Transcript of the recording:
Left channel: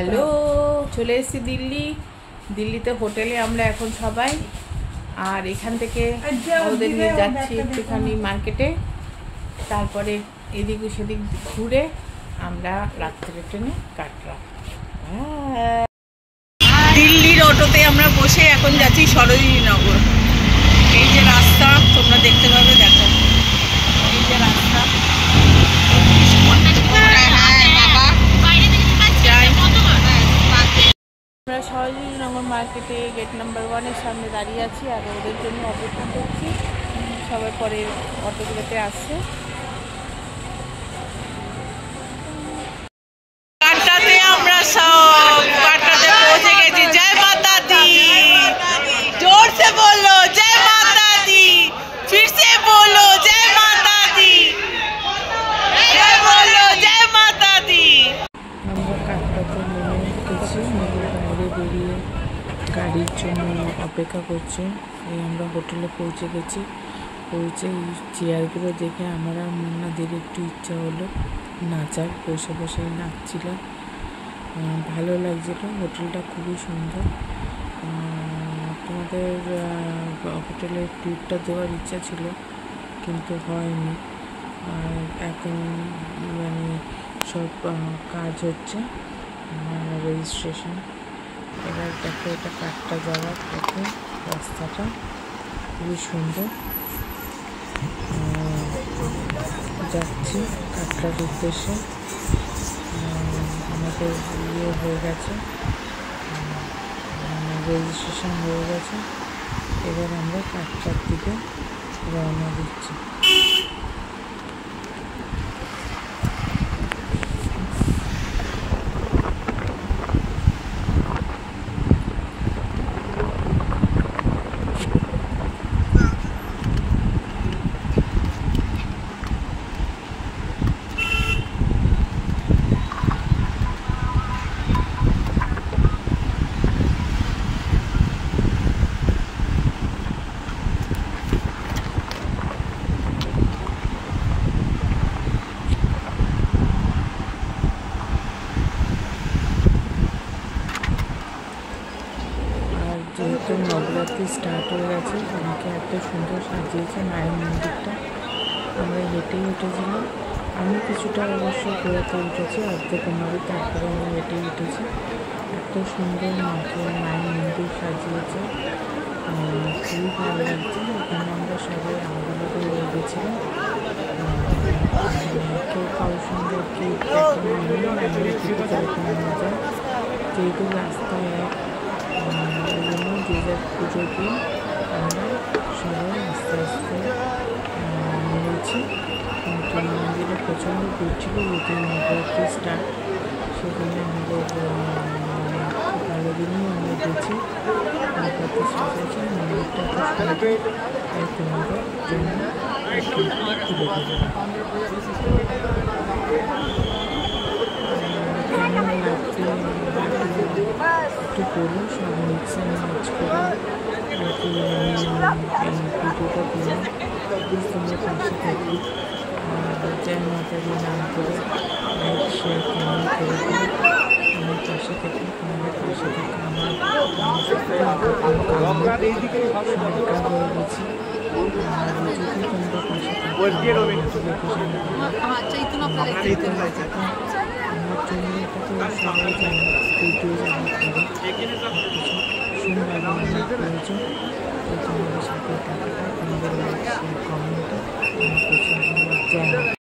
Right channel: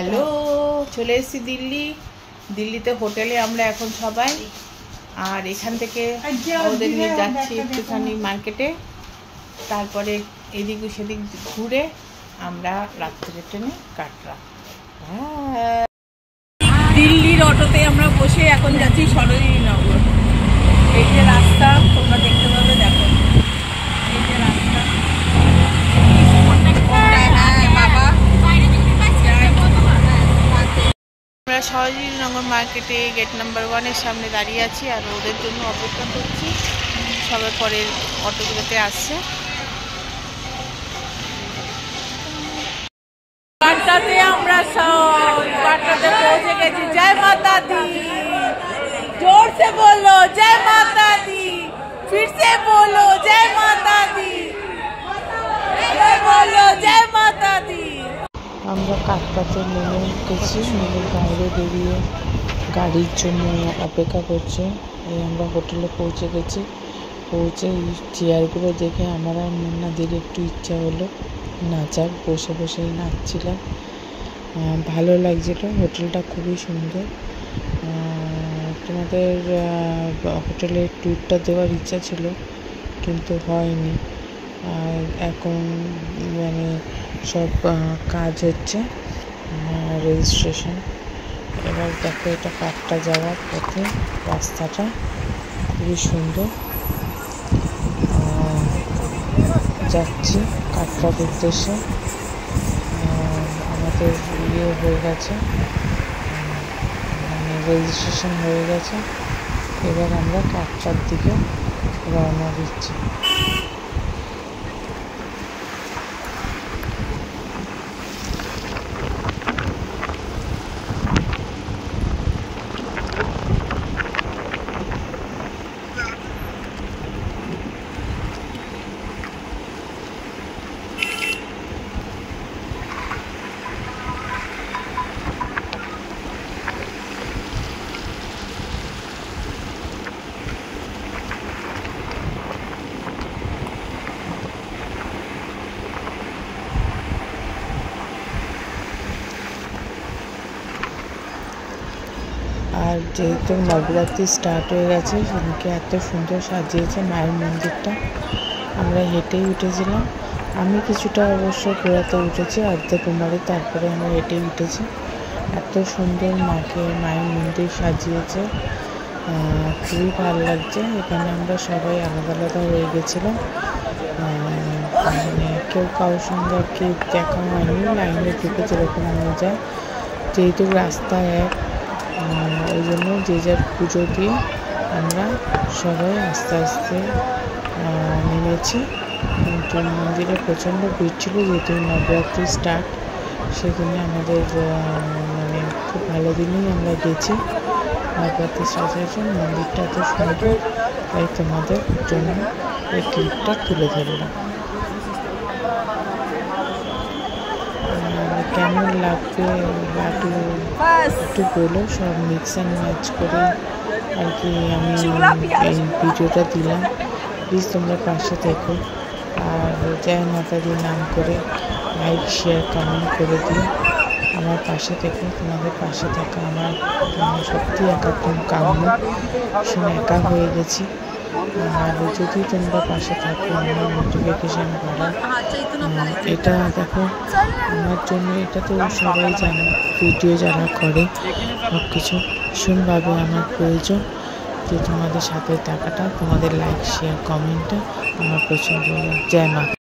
Hello, চলে এসেছি দিল্লিতে হোটেলে আমরা এখন সবাই। আর এখান থেকে ওদের নিয়ে যাচ্ছি একটুখানি মার্কেটে, তারপরে এদিক সেদিক ঘুরে আমরা রাত্রে ট্রেনে কাটলাম। দিল্লির অটোতে আমরা বসে এখন যাচ্ছি সরোজিনী নগর। এই যে রাস্তা তোমরা দেখতে পাবে, দেখো এই যে রাস্তা। আমরা সরোজিনী নগর মার্কেটে গেট নাম্বার 1-এর সামনে দাঁড়িয়ে আছি আর ওদের জন্য অপেক্ষা করছি। সবাই পরের অটোগুলোতে আসছে। আমরা সব কাটরাতে পৌঁছে গেছি। জয় মাতা দি, जोर से बोलो जय माता दी, फिर से बोलो जय माता दी, जय बोलो जय माता दी। আমরা কাটরাতে নেমে গেছি, নদীর বাইরে বেরিয়ে গাড়ির জন্য অপেক্ষা করছে। এই আমরা হোটেলে পৌঁছে গেছি। পৌঁছে চেয়ারগুলো দেখে আমার আর মুন্নাদের একটু ইচ্ছা হলো নাচার, বসে বসেই নাচছিলাম। ভালো লাগছিল। হোটেলটা খুবই সুন্দর। তোমাদের হোটেলের ট্যুরটা দেওয়ার ইচ্ছা ছিল কিন্তু হয়নি। আর এখন মানে সব কাজ হচ্ছে, রেজিস্ট্রেশন। এবার দেখো, এটা কাটরা যাওয়ার পথে রাস্তাটা খুবই সুন্দর। যাচ্ছি কাটরার উদ্দেশ্যে। আমাদের ইয়ে হয়ে গেছে, মানে রেজিস্ট্রেশন হয়ে গেছে। এবার আমরা কাটরার দিকে রওনা দিচ্ছি। আর যেহেতু নবরাত্রি স্টার্ট হয়ে গেছে, সেদিকে এত সুন্দর সাজিয়েছে মায়ের মন্দিরটা। আমরা হেঁটেই উঠেছিলাম। আমি কিছুটা অবশ্য ঘোরাতে উঠেছি, অর্ধকুমারী, তারপরে আমরা হেঁটেই উঠেছি। এত সুন্দর মায়ের মন্দির সাজিয়েছে, খুবই ভালো লাগছে। এখানে আমরা সবাই আলাদা আলাদা হয়ে গেছিলাম, মানে কেউ কারোর সঙ্গে আর কি দেখা হয়নি। লাইনের দিকে যেরকম নিয়ে যায়, যেহেতু রাস্তা এক, ওই জন্য যে যার পুজো দিয়ে আমরা সবাই আস্তে আস্তে নেমেছি। কিন্তু মন্দিরে প্রচণ্ড ভিড় ছিল, যেহেতু নবরাত্রি স্টার্ট, সেদিনে আমাদের মানে খুব ভালো দিনেই আমরা গেছি। নবরাত্রি সাজিয়েছেন মন্দিরটা এত সুন্দর, তাই তোমাদের জন্য এই ক্লিপটা তুলে ধরলাম। কেমন লাগবে একটু বলো। সব মিক্স অ্যান্ড ম্যাচ করে আর কি আমি এই ভিডিওটা দিলাম। প্লিজ তোমরা পাশে থেকো আর জয় মাতা দি নাম করে লাইক, শেয়ার, কমেন্ট করে দিও। আমার পাশে থেকো। তোমাদের পাশে থাকা আমার সত্যি একাত্ম কাম্য। একা হয়ে গেছি। আর যদি তোমরা পাশে থাকো, আমার নোটিফিকেশান পাওয়া, এটা দেখো আমার জন্য, এটা তো সবাই জানে, ভিডিও যারা করে সব কিছু ভীষণভাবে আমার প্রয়োজন। তো তোমাদের সাথে থাকাটা, তোমাদের লাইক, শেয়ার, কমেন্টে আমার প্রচণ্ড। জয় মা।